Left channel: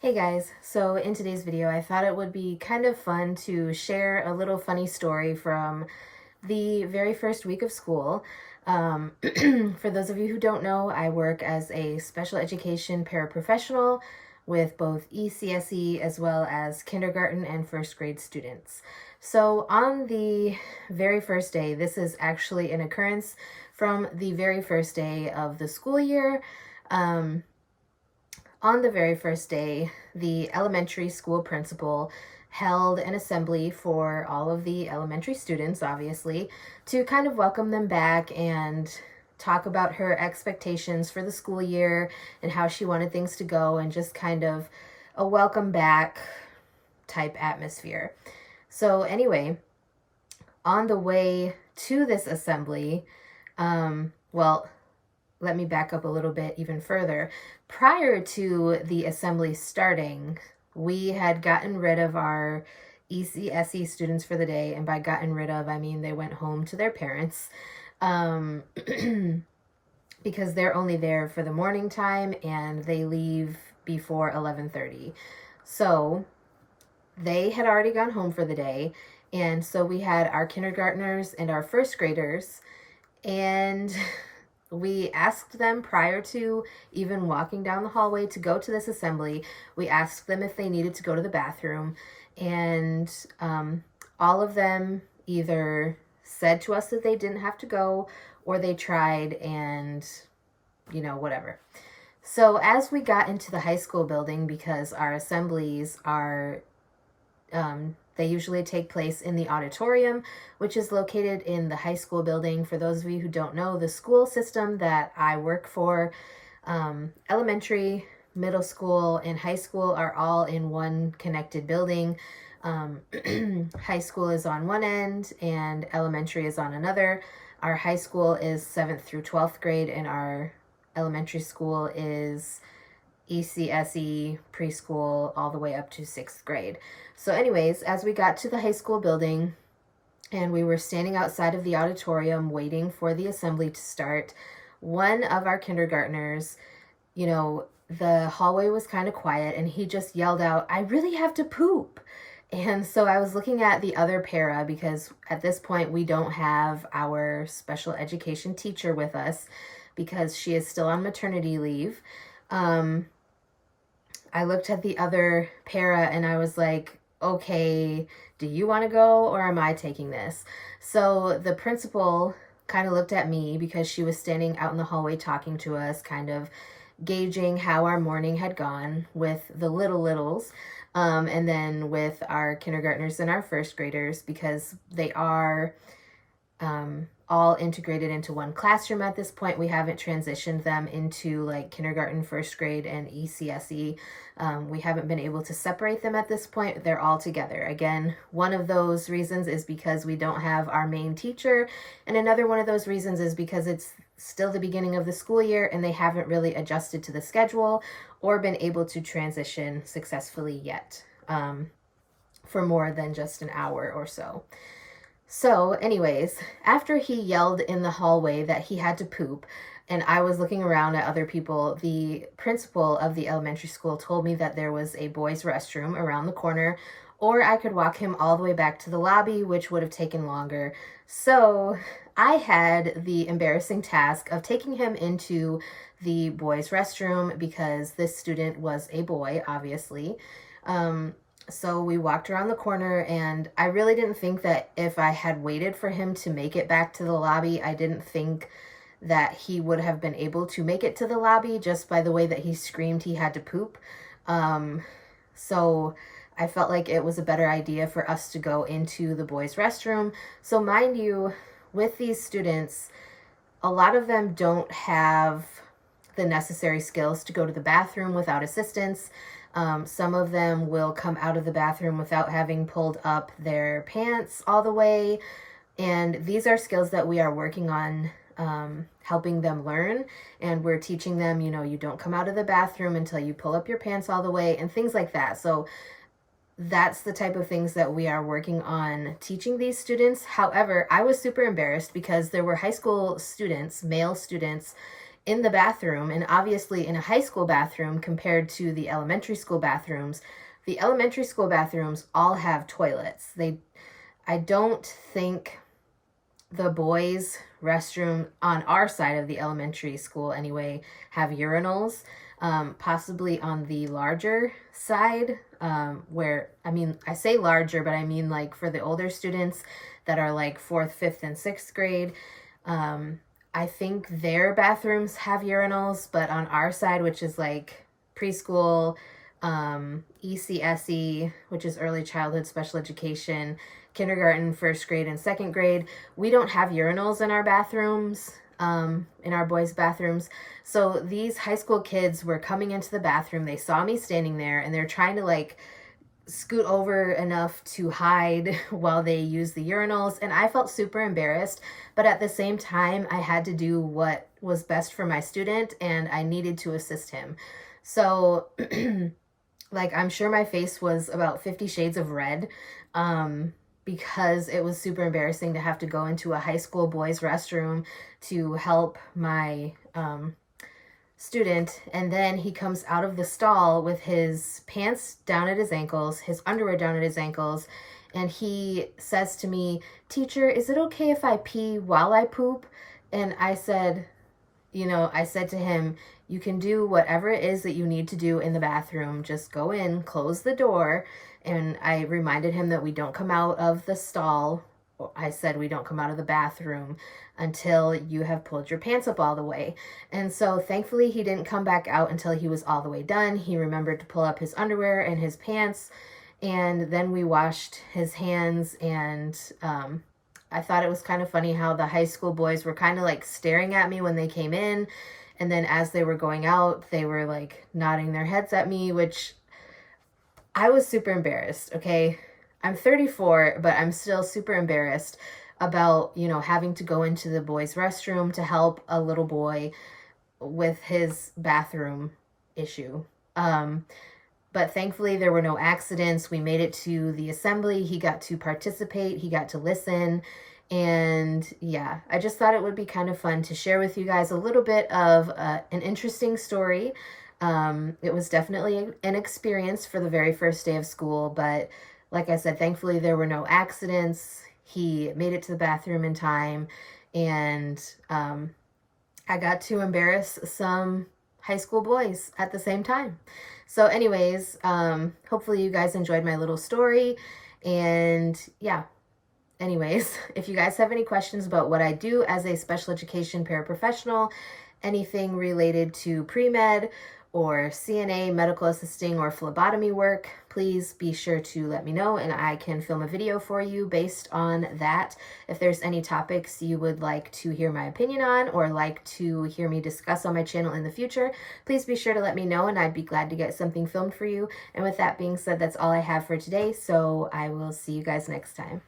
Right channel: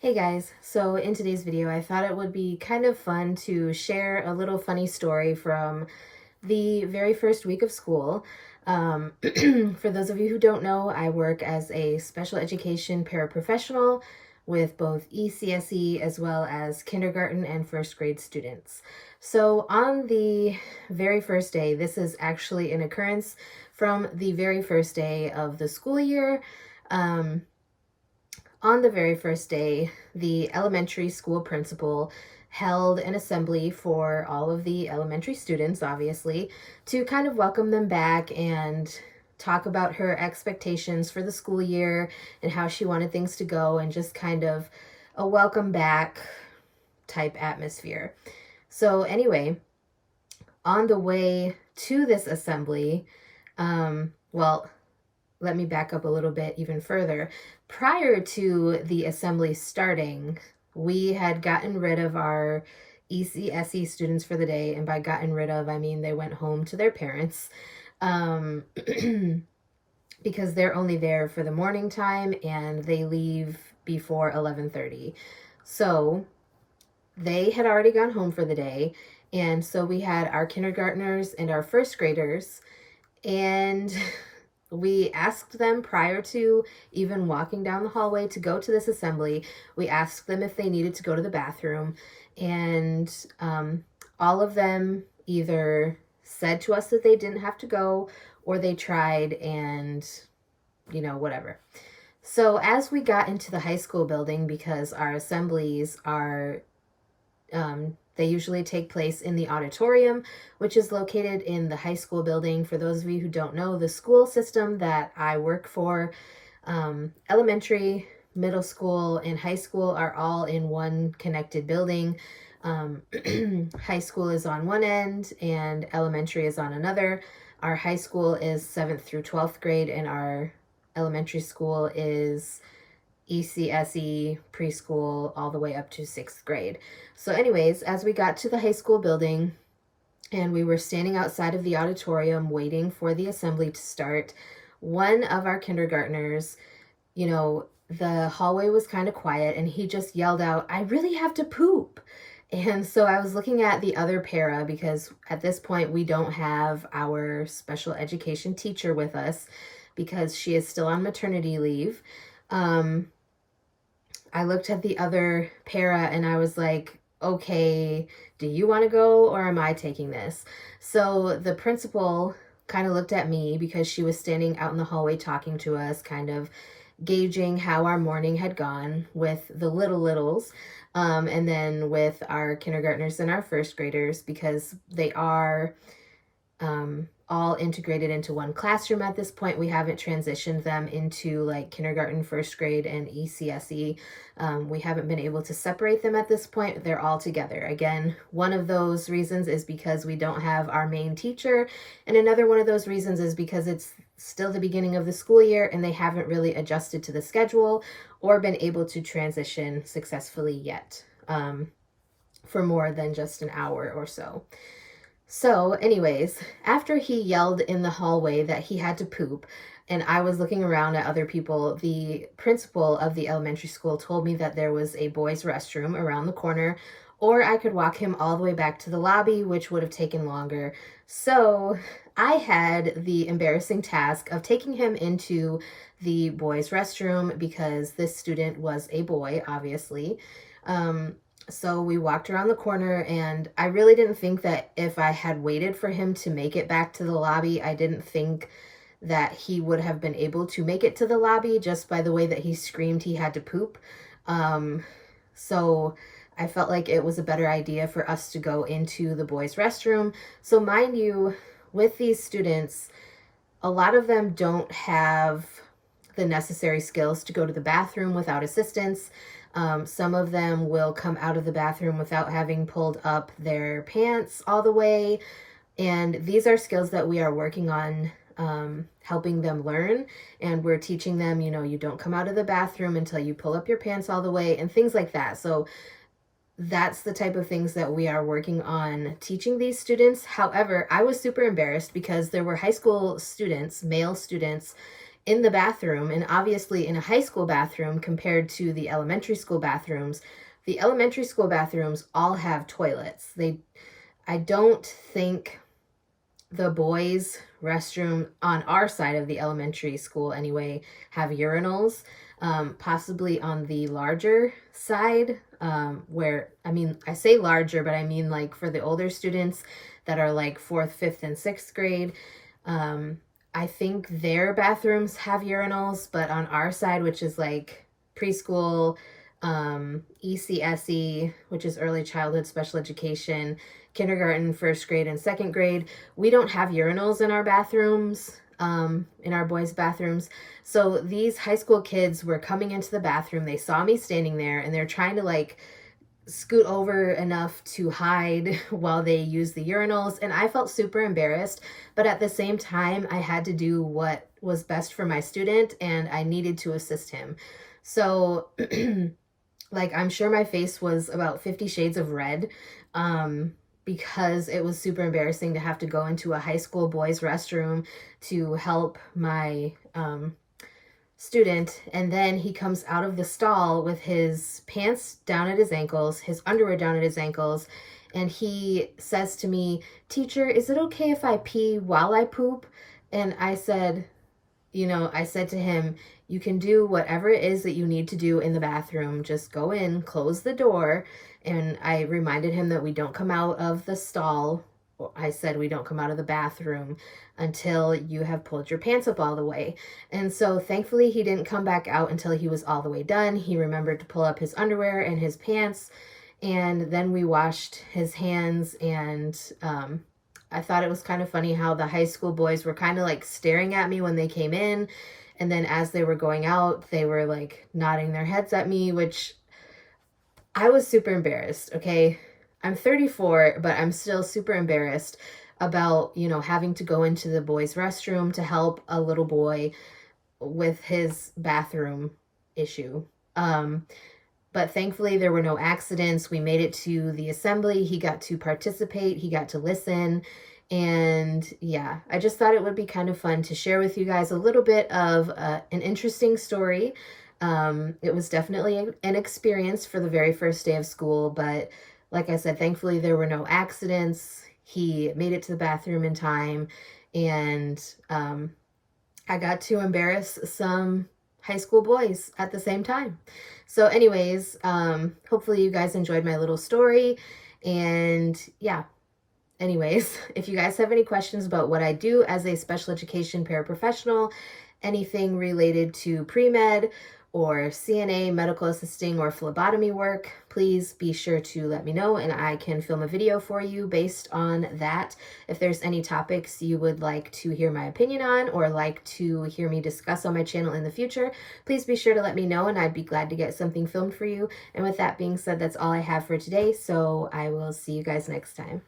Hey guys, so in today's video I thought it would be kind of fun to share a little funny story from the very first week of school. For those of you who don't know, I work as a special education paraprofessional with both ECSE as well as kindergarten and first grade students. So on the very first day, this is actually an occurrence from the very first day of the school year. On the very first day, the elementary school principal held an assembly for all of the elementary students, obviously, to kind of welcome them back and talk about her expectations for the school year and how she wanted things to go, and just kind of a welcome back type atmosphere. So anyway, on the way to this assembly, well, let me back up a little bit even further. Prior to the assembly starting, we had gotten rid of our ECSE students for the day. And by gotten rid of, I mean they went home to their parents because they're only there for the morning time and they leave before 11:30. So they had already gone home for the day. And so we had our kindergartners and our first graders, and we asked them prior to even walking down the hallway to go to this assembly. We asked them if they needed to go to the bathroom, and all of them either said to us that they didn't have to go, or they tried and, whatever. So as we got into the high school building, because our assemblies are they usually take place in the auditorium, which is located in the high school building. For those of you who don't know, the school system that I work for, elementary, middle school, and high school are all in one connected building. High school is on one end and elementary is on another. Our high school is 7th through 12th grade, and our elementary school is ECSE preschool all the way up to 6th grade. So anyways, as we got to the high school building and we were standing outside of the auditorium waiting for the assembly to start, one of our kindergartners, the hallway was kind of quiet and he just yelled out, "I really have to poop." And so I was looking at the other para, because at this point we don't have our special education teacher with us because she is still on maternity leave. I looked at the other para and I was like, okay, do you want to go or am I taking this? So the principal kind of looked at me because she was standing out in the hallway talking to us, kind of gauging how our morning had gone with the littles, and then with our kindergartners and our first graders, because they are all integrated into one classroom at this point. We haven't transitioned them into like kindergarten, first grade, and ECSE. We haven't been able to separate them at this point. They're all together. Again, one of those reasons is because we don't have our main teacher, and another one of those reasons is because it's still the beginning of the school year and they haven't really adjusted to the schedule or been able to transition successfully yet, for more than just an hour or so. So anyways, after he yelled in the hallway that he had to poop, and I was looking around at other people, the principal of the elementary school told me that there was a boys' restroom around the corner, or I could walk him all the way back to the lobby, which would have taken longer. So I had the embarrassing task of taking him into the boys' restroom because this student was a boy, obviously. So we walked around the corner, and I really didn't think that if I had waited for him to make it back to the lobby, I didn't think that he would have been able to make it to the lobby just by the way that he screamed he had to poop. So I felt like it was a better idea for us to go into the boys' restroom. So mind you, with these students, a lot of them don't have the necessary skills to go to the bathroom without assistance. Some of them will come out of the bathroom without having pulled up their pants all the way. And these are skills that we are working on, helping them learn. And we're teaching them, you don't come out of the bathroom until you pull up your pants all the way and things like that. So that's the type of things that we are working on teaching these students. However, I was super embarrassed because there were high school students, male students, in the bathroom, and obviously in a high school bathroom compared to the elementary school bathrooms, the elementary school bathrooms all have toilets. I don't think the boys' restroom on our side of the elementary school anyway have urinals, possibly on the larger side, where, I mean, I say larger, but I mean like for the older students that are like 4th, 5th, and 6th grade. I think their bathrooms have urinals, but on our side, which is like preschool, ECSE, which is early childhood special education, kindergarten, 1st grade, and 2nd grade, we don't have urinals in our bathrooms, in our boys' bathrooms. So these high school kids were coming into the bathroom. They saw me standing there, and they're trying to like scoot over enough to hide while they use the urinals. And I felt super embarrassed, but at the same time, I had to do what was best for my student, and I needed to assist him. So like, I'm sure my face was about 50 shades of red, because it was super embarrassing to have to go into a high school boys' restroom to help my student. And then he comes out of the stall with his pants down at his ankles, his underwear down at his ankles, and he says to me, "Teacher, is it okay if I pee while I poop?" And I said, I said to him, "You can do whatever it is that you need to do in the bathroom. Just go in, close the door." And I reminded him that we don't come out of the stall. I said, we don't come out of the bathroom until you have pulled your pants up all the way. And so thankfully he didn't come back out until he was all the way done. He remembered to pull up his underwear and his pants, and then we washed his hands. And I thought it was kind of funny how the high school boys were kind of like staring at me when they came in, and then as they were going out, they were like nodding their heads at me, which I was super embarrassed, okay? I'm 34, but I'm still super embarrassed about, having to go into the boys' restroom to help a little boy with his bathroom issue. But thankfully there were no accidents. We made it to the assembly. He got to participate. He got to listen. And yeah, I just thought it would be kind of fun to share with you guys a little bit of an interesting story. It was definitely an experience for the very first day of school, but like I said, thankfully there were no accidents. He made it to the bathroom in time, and I got to embarrass some high school boys at the same time. So anyways, hopefully you guys enjoyed my little story, and yeah. Anyways, if you guys have any questions about what I do as a special education paraprofessional, anything related to pre-med or CNA, medical assisting, or phlebotomy work, please be sure to let me know, and I can film a video for you based on that. If there's any topics you would like to hear my opinion on or like to hear me discuss on my channel in the future, please be sure to let me know, and I'd be glad to get something filmed for you. And with that being said, that's all I have for today, so I will see you guys next time.